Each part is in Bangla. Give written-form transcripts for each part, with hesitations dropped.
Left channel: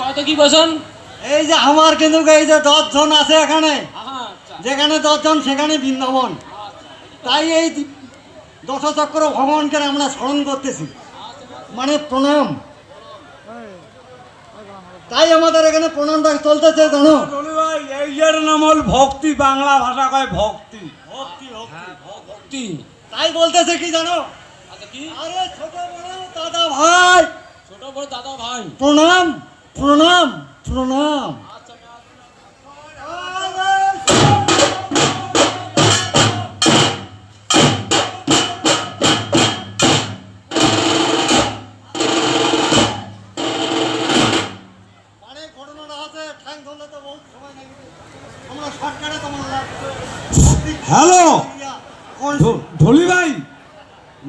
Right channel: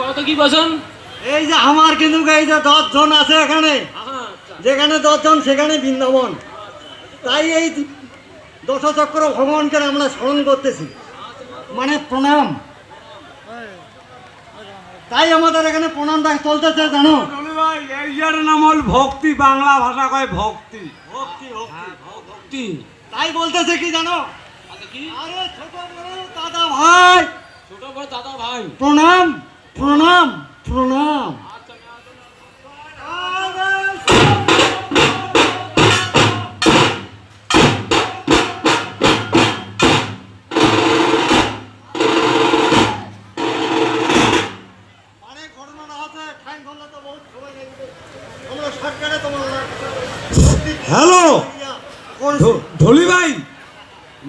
কত কি বসেন? এই যে আমার কিন্তু এই যে 10 জন আছে এখানে, যেখানে 10 জন সেখানে বৃন্দাবন। তাই এই দশচক্র ভগবানকে আমরা স্মরণ করতেছি, মানে প্রণাম। তাই আমাদের এখানে প্রণামটা চলতেছে, জানো ভাই? এই এর নাম হল ভক্তি, বাংলা ভাষা কয় ভক্তি। ভক্তি ভক্তি ভক্তি। তাই বলতেছে কি জানো? কি? আরে ছোট বড় দাদা ভাই, ছোট বড় দাদা ভাই, প্রণাম প্রণাম প্রণাম। হ্যালো ঢলি ভাই,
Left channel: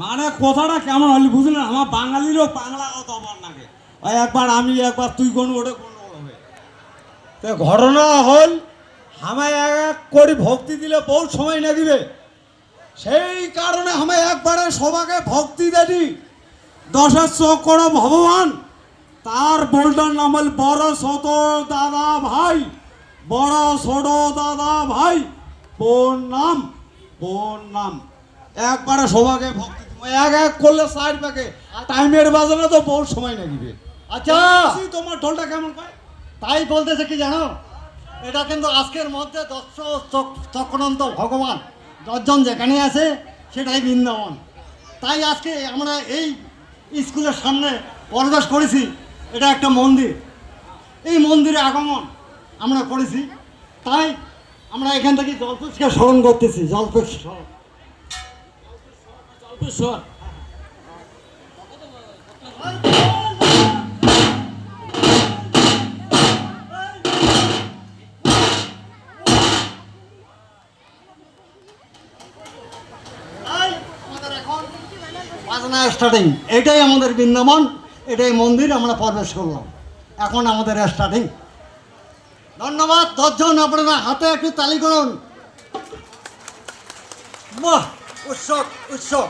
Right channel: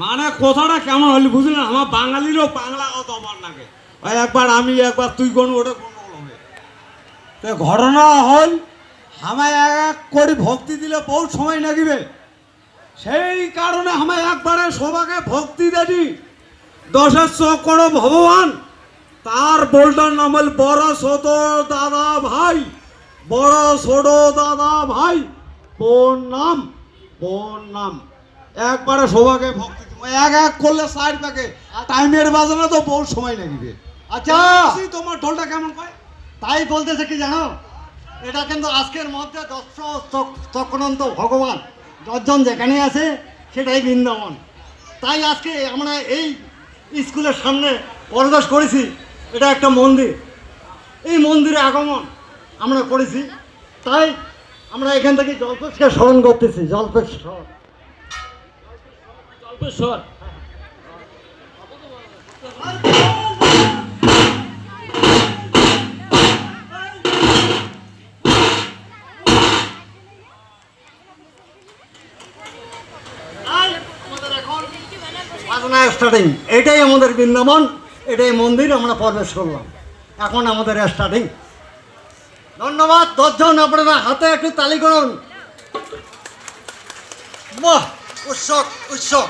মানে কথাটা কেমন হলি বুঝলেন? আমার বাঙালিরও বাংলা কথা আমার নাকি একবার আমি একবার তুই কোন ওটা গন্ডগোল হবে। তো ঘটনা হল আমায় এক করে ভক্তি দিলে বহুত সময় লাগিবে, সেই কারণে আমায় একবারে সবাকে ভক্তি দেনি। 10 চক্র ভগবান, তার বোল্টার নাম হল বড় ছোট দাদা ভাই, বড় ছোট দাদা ভাই প্রণাম প্রণাম। একবারে সবাকে ভক্তি দিব, এক এক করলে 60 টাকে টাইমের বাজানো তো বহু সময় লাগিবে। আচ্ছা তোমার ঢোলটা কেমন কয়? তাই বলতেছে কি জানো, এটা কিন্তু আজকের মধ্যে 10 চক্রান্ত ভগবান 10 জন যেখানে আছে সেটাই বৃন্দাবন। তাই আজকে আমরা এই স্কুলের সামনে প্রবেশ করেছি, এটা একটা মন্দির, এই মন্দিরে আগমন আমরা করেছি। তাই আমরা এখান থেকে জল্পেশকে স্মরণ করতেছি, জল্পেশ্বর। জল্পেশ্বর। স্টার্টিং, এটাই আমাদের বৃন্দাবন, এটাই মন্দির, আমরা প্রবেশ করলাম, এখন আমাদের স্টার্টিং। ধন্যবাদ। 10 জন আপনারা হাতে একটু তালি করুন। বাহ, উৎসব উৎসব।